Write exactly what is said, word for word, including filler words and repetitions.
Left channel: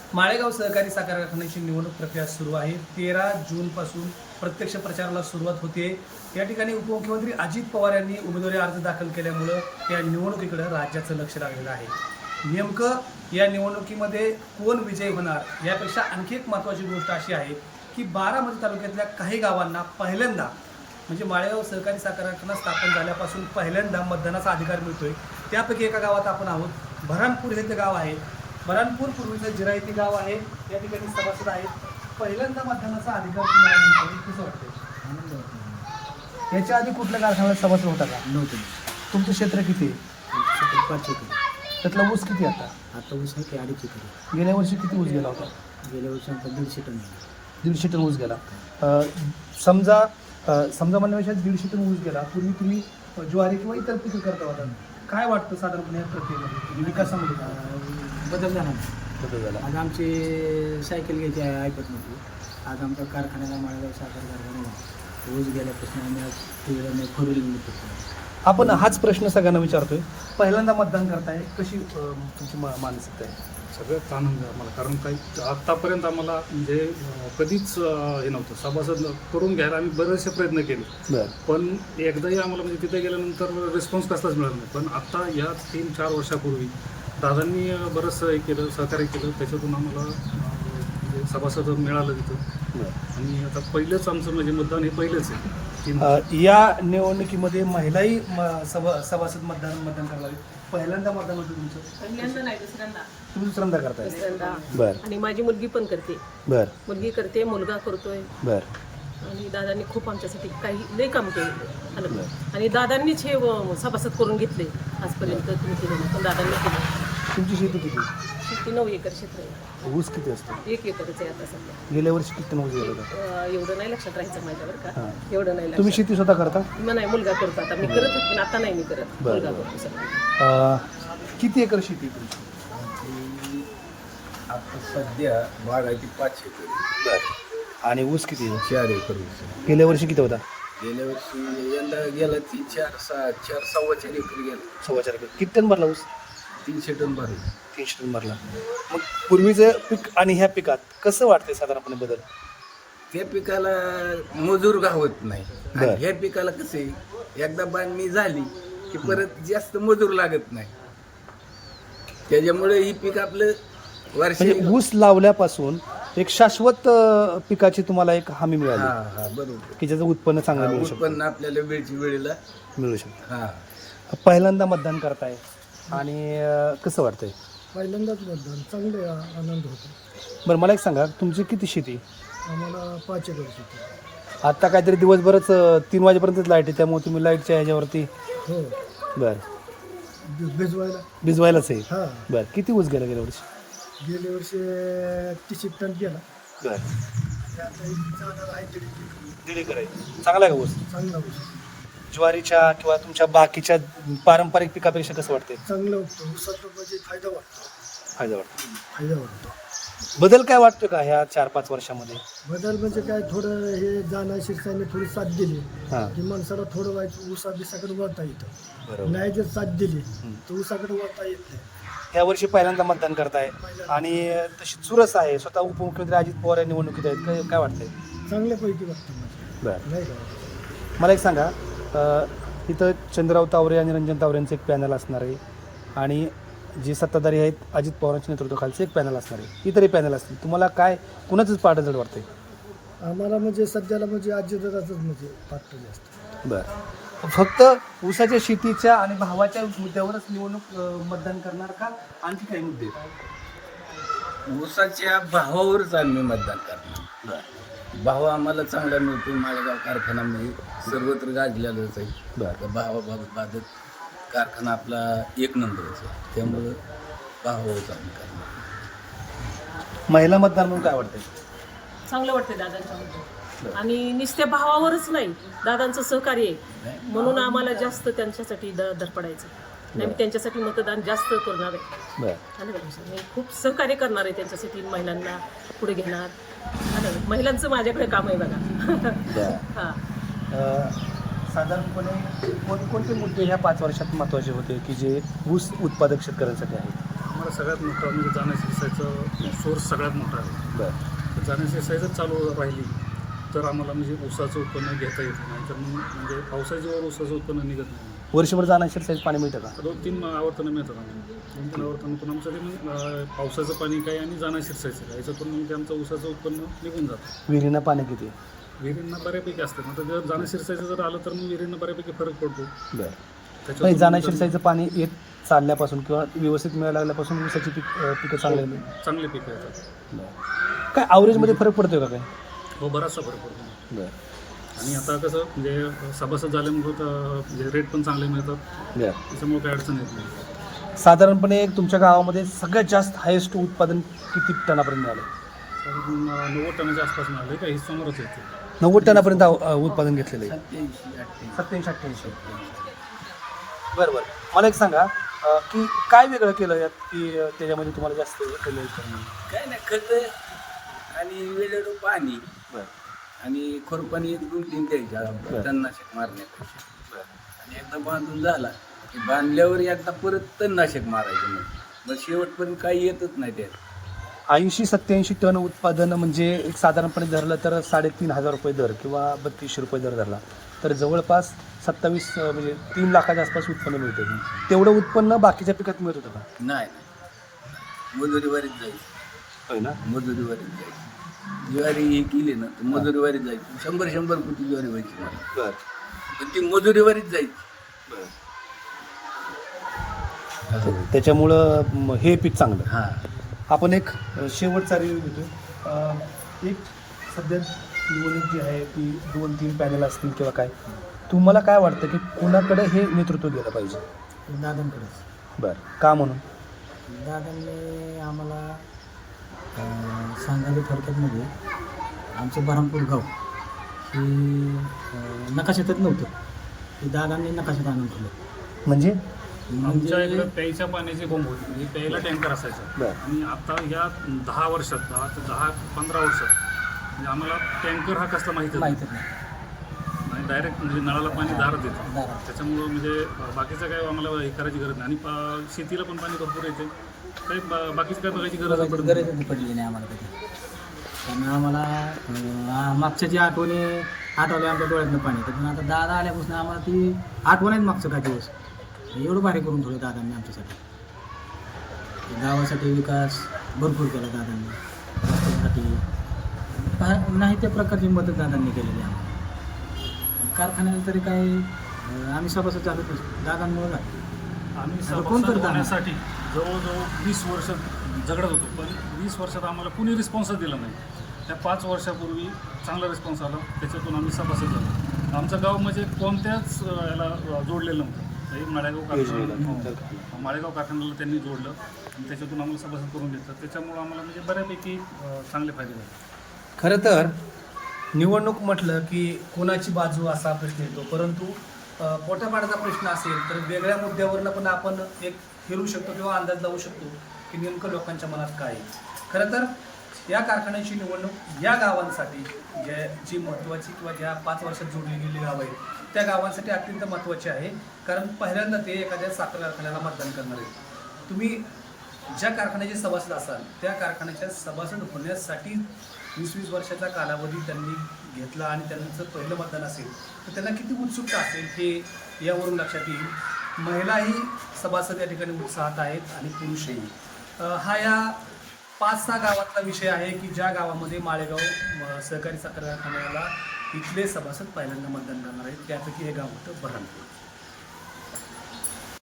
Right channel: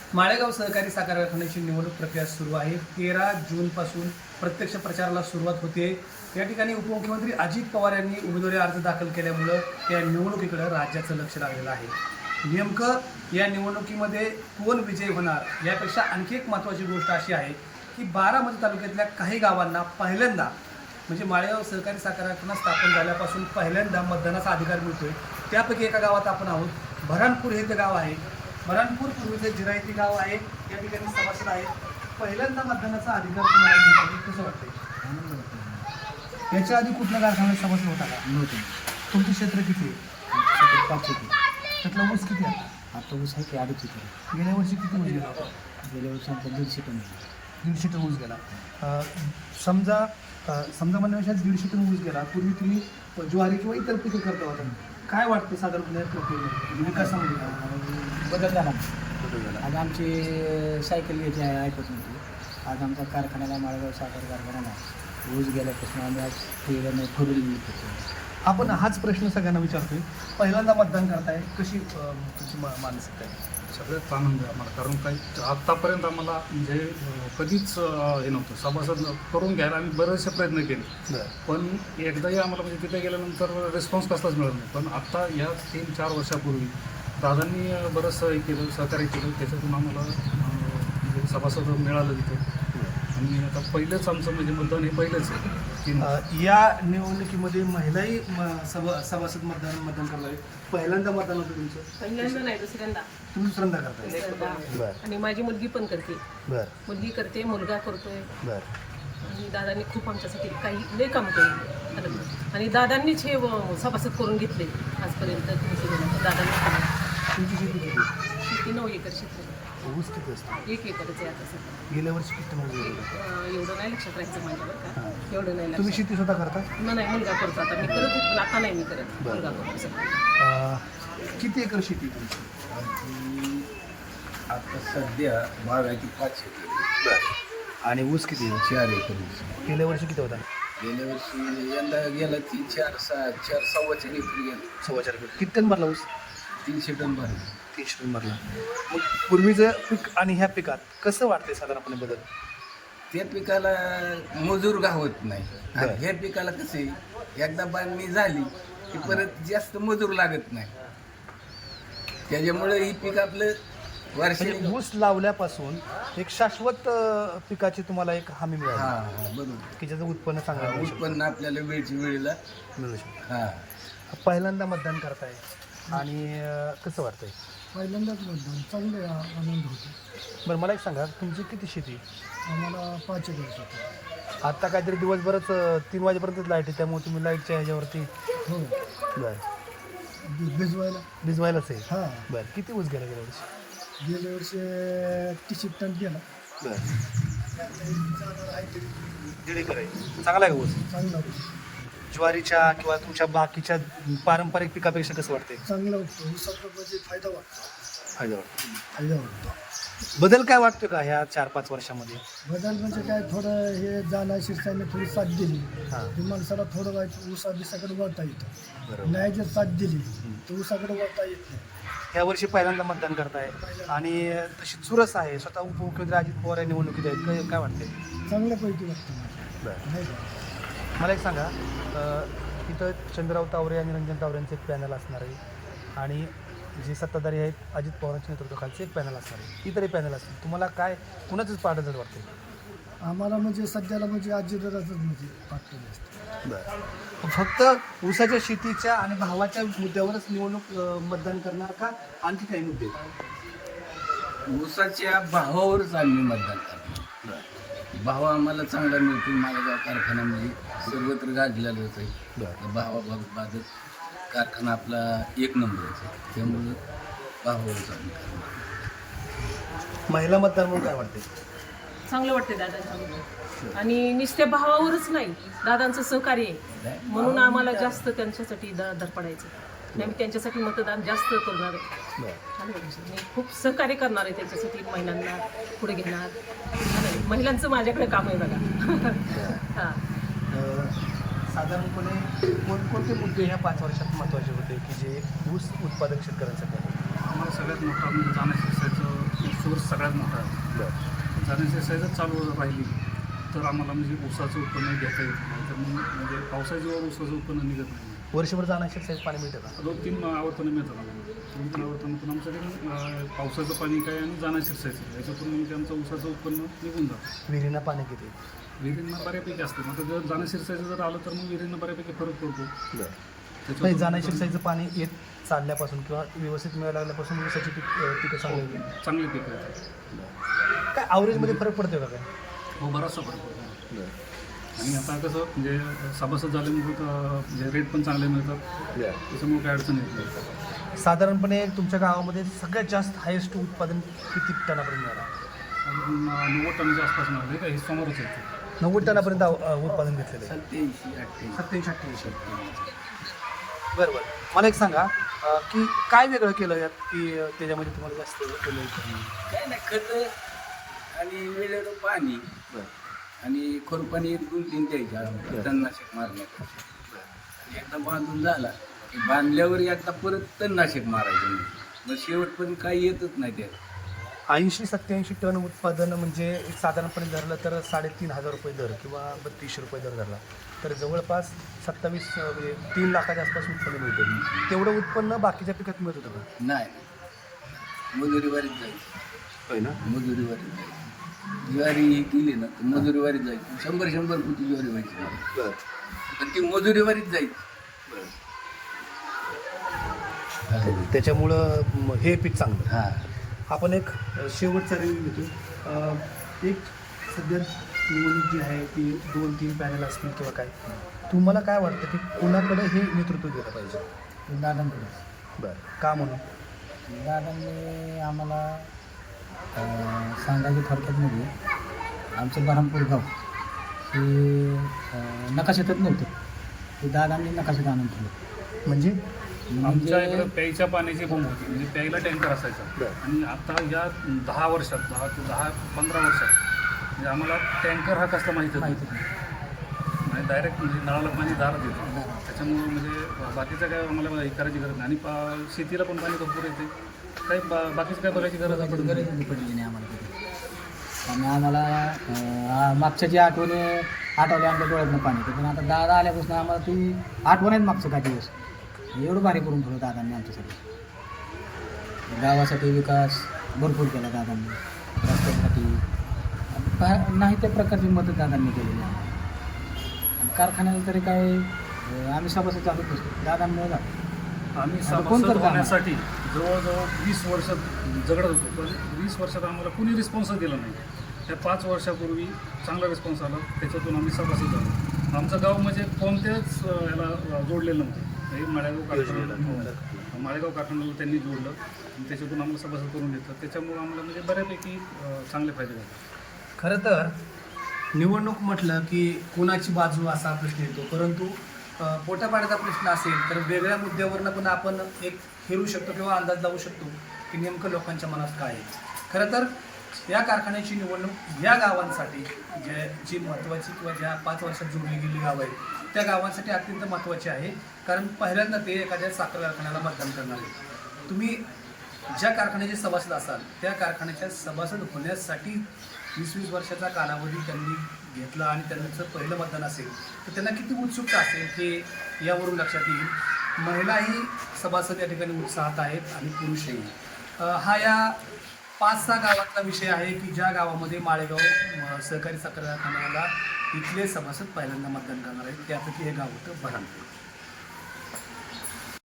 माळेगाव सहकारी साखर कारखान्याची निवडणूक प्रक्रिया सुरू आहे. तेरा जूनपासून प्रत्यक्ष प्रचाराला सुरुवात होते. या ठिकाणी उपमुख्यमंत्री अजित पवार यांनी उमेदवारी अर्ज दाखल केल्यामुळं या निवडणुकीकडे राज्याचं लक्ष लागलेलं आहे. नेमकं या निवडणुकीमध्ये कोण विजयी होणार यापेक्षा आणखी एक महत्त्वाची गोष्ट अशी आहे की बारामती तालुक्यातल्या काही गावांना पहिल्यांदा म्हणजे माळेगाव सहकारी साखर कारखाना स्थापन झाल्यापासून पहिल्यांदा मतदानाचा अधिकार मिळतोय. त्यापैकी एका गावात आपण आहोत. भरणपूर हे ते गाव आहे. भरणपूर पूर्वीचे जिरायती गाव आहे. या ठिकाणी सभासद आहेत. पहिल्यांदा मतदानाचा अधिकार तुम्हाला मिळतो, कसं वाटतं? आनंद वाटतो. याच्या आधी कुठल्या कारखान्यात सभासद होता का? नव्हतं. तुमचं क्षेत्र किती आहे? तिथे पाच एकर. त्यातला ऊस किती आता? आता ऊस आहे की अडीच एकर. गेल्या वर्षी किती ऊस गेला होता? गेल्या वर्षी आमचा दीडशे टन झाला. दीडशे टन ऊस गेला. अं, समजा अं, समजा म्हणण्यापेक्षा दीडशे टन ऊस गेला. पूर्वी तुम्ही ज्वारी किंवा इतर पिकं करता होता. काय वाटतं साधारणपणे प्रक्रियेमध्ये विकासामध्ये आज बदल झाला बदल झाला? आज आमची सायकल घ्यायची आहे ऐकत नव्हती. आज आमच्या कारखान्याला माळेगाव साखर कारखान्याला ऊस गेल्यापासून आम्ही आज टू व्हीलरने फोर व्हीलर करतो. आपण हाच प्रश्न सगळ्यांना विचारतोय. पहिल्यांदा मतदान करताय, कशी अं, तुमची मा- मानसिकता आहे? सगळ्यात आनंद आहे आम्हाला, कारण काही आत्तापर्यंत आम्हाला म्हणजे अं, कधीच अं, हे नव्हतं. सभासद करून घ्यायला आम्ही बरेचसे प्रयत्न केले, पण एकदाही आम्हाला म्हणजे तिथे गेल्यानंतर रिस्पॉन्स कसलाच मिळत नाही. पण आत्ता या तीन चार वर्षापूर्वी दादांनी अं, बरंचसं हे केलं, सहकार्य केलं. त्याच्यातून आम्हाला अं, म्हणजे सभासद मिळालं तिथं. आणि आता पहिलंच आमचं म्हणजे मतदान हे पहिलंच आहे. तीन अं, या निवडणुकीमध्ये महिलाही म- सभा सभासद मतदान मतदान करणार आहेत. पहिल्यांदा मतदान होतं तुमचं? पहिल्यांदा नाही दुसऱ्यांदा तुम्ही दुसऱ्यांदा करताय? दुसऱ्यांदा बरं आणि माझी मुलगी पण करते. बरं मुलगी करते, मुलगा करतोय. बरं आणि दादांनी खूप आमच्यासाठी काही लय काम केले आनंद. आणि दादांनीच हे अं, सभासद करून घेतले आजपर्यंत तुम्ही केलेलं पण दादांनी केलं. तुमची शेती किती? शेती नऊ एकर क्षेत्र आहे. ऊस किती असतो? एक एकरच आहे आता सध्या. गेल्या वर्षी किती टन ऊस गेला होता? अं, एवढं नाही लक्षात राहायचं माझ्यावर का हां. एवढं नाही तुम्ही लक्षात. शेती स्वतः करता? मग नाही मुलगा करतो आता. मी करत होते पण आता नाही मी करत. बरं. मुलगा करतो सगळं. अं, किती एकर शेती आहे तुमची? आमची आता सध्या बागायची पाच एकर आणि ऊस किती आहे? चार एकर ऊस. गेल्या वर्षी किती होता? गेल्या वर्षी यंदा गेला तीन चार सहा चार सव्वा चार एकर गेला. सव्वा चार एकर. किती टन भरला ऊस? तीनशे टन भरला. तीनशे टन भरला. मग पूर्वीचं पीक आणि ह्या पिकात कसं वाटतंय साधारणपणे बदल? त्या पिकाला मजूर गावत नाही आणि बरं. ह्या पिकाला कसे एकदा बांधणी झाली की परत जास्त मजूर लागत नाही. त्याच्यामुळे ही पीक आपलं वर्ष म्हणजे ऊस लावल्यापासून एक शाश्वत अं, पिकाची तुम्हाला एक हमी हा मिळाली हा बरोबर. की ज्याचं उत्पन्न चांगलं हा, मिळू शकतं. उत्पन्न आपल्याला वेळची वेळेला मिळू शकतं. हा पहिल्यांदा मतदान करताय आणि अं, कसं वाटतंय? पहिल्यांदाच मतदान चांगले आ- आनंद होतो. बरं मला एक सांगा, तुमची किती शेती? आम्हाला पाच एकर होते. आत्ता काहीतरी दिवसभरच अं, तीन वाजेपर्यंतच लाईट आहे, त्यामुळे तुम्ही लाईटच्या ह्याच्यावरती हो बरं बी- भिजवायला. भिजवायलाच आहे. हां बरं किती ऊस गेला गेल्या वर्षी? गेल्या वर्षी तीस टन गेला. बरं आणि आता एक जाणार आहे दीड एकर. दीड एकर आहे. चांगला आहे का ऊस? चांगला ऊस. ज्वारीच्या किंवा तुमच्या बाकीच्या पारंपरिक पिकापेक्षा कसं वाटतंय? चांगला वाटतो. ऊसाचा म्हणजे फायदा वाटतो. फायदा वाटतो. फायदा वाटतो. बदल काय वाटतो का ह्या चार पाच वर्षामध्ये? बदल म्हणजे काय थोडं हे जाणं शिरसाने थोडी साथ दिली हां की माणसाला थोडं व्हायचं ऊसा बिसाकडे वळता येतं. बरोबर. नाही जर साथ दिली तर ऊसाकडे वळता येत नाही. या वर्षी पहिल्यांदा मतदान करताय आणि तशी चुरस आहे. स्वतः उपमुख्यमंत्री अजित पवार या निवडणुकीत आहेत. काय काय वाटतंय? चांगल्यापैकी वाटतं म्हणजे. बरं नाही का? मला एक सांगा, अ, इथं चंद्रराव तावरे आणि रंजन तावरेंचं एक पॅनल असणार आहे आणि जे सत्ताधारी आहेत अजित पवारांच्या नेतृत्वाखालचं एक पॅनल असणार आहे. इतरही पॅनल असतील. तुम्हाला काय कुणाचंच पाठ जड वाटतंय? आम्हाला म्हणजे सध्याला म्हणजे आजीदादाचंच म्हणजे वाटतं जास्त. बरं फक्त ऊसाच्या शेतीच्या आणि भावाच्या मुद्द्यावरच निवडणूक अ, मतदान करणार का आणखी काही मुद्दे आहेत? ऊसाच्या भावावरच आम्ही मतदान करणार. भाव आम्हाला चांगला मिळतो. माळेगाव कारखान्यामध्ये सर्वत्र गाजलेलाच आहे. त्या भावाबाबत कारखाना आपला एक नंबरच आहे. त्यामुळं भावावरच आम्ही करणार. महिला मतदार म्हणून काय वाटतंय? चांगलं वाटतंय दादांच्यामध्ये. आणि नुसत्या भावावरच नाही, दादांचं सहकार्य आहे म्हणून आम्हाला जास्त त्यांच्यासाठी द धडपडायचं नाही. मी त्यांच्यासाठी मतदान जास्त करणार आहे. बरं आलं का लक्षात? मी खूप सहकार्य करणार आहे त्यांच्यासाठी. महिलांना पुढे घेणार. आलं का? महिलांचं माझ्याकडे काम आहे बघा. हां अ, साधारणपणे कोणकोणते मुद्दे ह्या पाच वर्षात महत्त्वाचे होते की जे ऊस उत्पादक शेतकऱ्यांसाठी आहेत? आम्हाला सगळ्यात मोठा म्हणजे जाण्या शिरसायचं सोर्स सगळ्यात मोठा आहे. तर जाण्या शिरसाई जर चालू राहिली तर आम्हाला म्हणजे ऊसाचं उत्पन्न घेता येत नाही. तर मग म्हणजे पावसाच्या ऊसाचं उत्पन्न निघत नाही. वर्षभर जाणार शिरसाईचं पाणी मिळतं का? दोन तीन आवर्तनं मिळतात आम्हाला. दोन तीन आवर्तनातून आमचं ते मग अं, पावसाचं पाणी काय आणि जाण्या शिरसायचं याच्यातून मग ते आमचं ऊसाचं उत्पन्न निघून जातं. विहिरीनं पाणी किती? विहिरींना बऱ्यापैकी असतं. मग जर जाण्या शिरसायचं जर आलं तर मग विहिरींना बऱ्यापैकी फरक पडतो. नाही, त्याच्यातून जाण्या शिरसाईचं पाणी येत चालल्यापासून किंवा व्यवस्थित मिळायला लागल्यापासून ऊसाची पीक पिकं चाललेली चांगली पिकं येतात. काय ॲव्हरेजमध्ये फरक पडतोय का काय? हो, बराचसा फरक पडतो. आणि आता कसं म्हणजे सभासद झाल्यामुळे म्हणजे रेट पण चांगले मिळतात. त्याच्यामुळे काही अडचण येत नाही. साधारणपणे तुमच्या गावामध्ये सगळ्यात जास्त हायेस्ट उत्पादन किती टनापर्यंत मिळालं? साधारण नव्वद टनाच्या आसपास मिळाले का हे समोरच येते. नव्वद टनापर्यंत अ, उत्पादन घेतलेलं आहे. सत्याऐंशी अठ्ठ्याऐंशी सत्याऐंशी अठ्ठ्याऐंशी. बरं बरं, मला एक सांगा अ, की काय वेगळं केलं की अ, त्याच्यामध्ये तुम्हाला जास्त केलं? काय नाही, खत आणि वेळेवर पाणी आणि खुरपाणी एक दोन तीन द्यायच्या तणनाशक मारण्यापेक्षा. आणि एकदा बांधून झाला की बांधल्यावर एकदा परत तणनाशक मारायचं नाही. मग शेवटपर्यंत काही येतच नाही त्यात. ऐंशी सत्याऐंशी टन उत्पादन म्हणजे एक साधारणपणे धरलं तर साडेतीन हजार रुपये दर किंवा बत्तीसशे रुपये दर धरला तर जवळपास सत्तावीस अ, म्हणजे तीन लाखाच्या आसपास उत्पन्न मिळतं. तेवढं उत्पन्न बाकीच्या पिकात मिळत होतं का? नाही नाही, मजुरीवारीच जायचं. होय ना. मजुरीवारीच जायचं. ज्वारी हे केली ना तर मजुरीवारीच जायची. शंभर शंभर फुटी ज्वारी व्हायची मला, पण ती मजुरीवारीच जायची. त्याच्यामुळं म, हे पीक चांगलं. हां, आपण एक शेवटचा रिव्ह्यू घेतो. अ, एक सध्या निवडणूक जी आहे ती दोन तीन पॅनल असतील किंवा काय, तुम्हाला काय वाटतं की कुणाकडे हे नेतृत्व गेलं पाहिजे? दादांकडे. बरं, का म्हणून? दादांनी आम्हाला अं, सांगायचं थोडक्यात म्हणजे आमचं बरहमपूर गाव हे अं, नकाशातच नव्हतं. ते दादांनी नकाशात आणून ठेवलं. म्हणजे आमच्या म्हणजे इकडे प्यायच्या पाण्याची बोंब होती. म्हणजे प्यायला टँकर असायचा. बरं. आणि आता या दहा वर्षात दहा ते दहा पंधरा वर्षात म्हणजे आम्हाला टँकर हा कसला माहीतच नाही. माहितीच नाही. नाही, डायरेक्ट म्हणजे नळाला पाणी दारात येतं. दारात. त्याच्यामुळं म्हणजे बाकीचं काय आम्हाला हे करायची गरज नाही. आणि पा- शेतीला पण पाणी भरपूर येते. काही बा बाकीचं काय बघायची गरज पडत नाही. गरज पडली नाही आम्हाला कधी. कारण आम्हाला अं, आ- मागच्या जी आठवणी आठवले आमच्या डोळ्यातनं पाणी येतं. पण आता दादा आल्यापासून आम्हाला ती आठवण आहे मागचं काही दिवस. एवढं भारी करून ठेवलं दादांनी आमच्यासाठी. गावासाठी विकास भरपूर केला दादांनी. रस्त्यासाठी पा- नाही त्या प्रकारची मदत दादांनी केलेली आहे. आणि कारखान्याला तरी काय अं, आम्ही सभासद झालोच नसतो दादांमुळे झालो. आम्ही आता कोण सभासद करतं आम्हाला? होण्यासाठी जवळजवळ वीस वर्ष झगडत होतो. पण वीस वर्षात आम्हाला कुणी रिस्पॉन्सच दिला नाही. त्या पाच वर्षापूर्वी चांगला रिस्पॉन्स आला. त्याच्यातून आम्ही सभासद झालो. आमचं गाव म्हणजे कोणत्याच अं, याला जोडलेलं नव्हतं. हे माळेगाव कारखान्याला माळेगाव कारखान्याला त्यांनी जोडलं आणि त्याच्यातून आम्हाला सभासद करून देतात. त्याच्यामुळं आम्हाला म्हणजे बऱ्यापैकी अं, चांगले फायदे झाले. खरं तर निवडणूक म्हटलं की कोणाची बाजू असा प्रश्न येतो, परंतु अ, पोटापाण्याचा प्रश्न असेल तर वेगळ्या मुद्द्यावरनं पण आपण एक फिरू शकतो किंवा अंदाज लावू शकतो की नेमकं लोकांच्या मनात काय आहे. खरं तर या कारखान्याची निवडणूक या गावांसाठी ज्या जी महत्त्वाची किंवा ज्या पाच वर्षात जोडली गेलेली गावं आहेत त्या गावांसाठी अत्यंत महत्त्वाची आहे. कारण पहिल्यांदा ते एखाद्या साखर कारखान्याला मतदान करणार आहेत. तुम्ही ज्या कारखान्याचे सभासद असाल त्या कारखान्याच्या सभासद होण्यासाठी वीस वीस वर्षाचा कालावधी त्यांनी घेतला आणि त्यांचं पहिलं मतदान असेल तर त्यांना किती उत्सुकता असेल हे यावरून लक्षात येईल. महिलाही सभासद या ठिकाणी उत्साहात आहेत आणि पुरुषही. अ, हा या पाच सहा गावातला विषय आहे की ज्या गावामध्ये माळेगाव अ, सहकारी साखर कारखान्याला इथले सभासद पहिल्यांदा मतदान करणार आहेत. त्यापैकी हे गाव होतं बऱ्हाणपूर.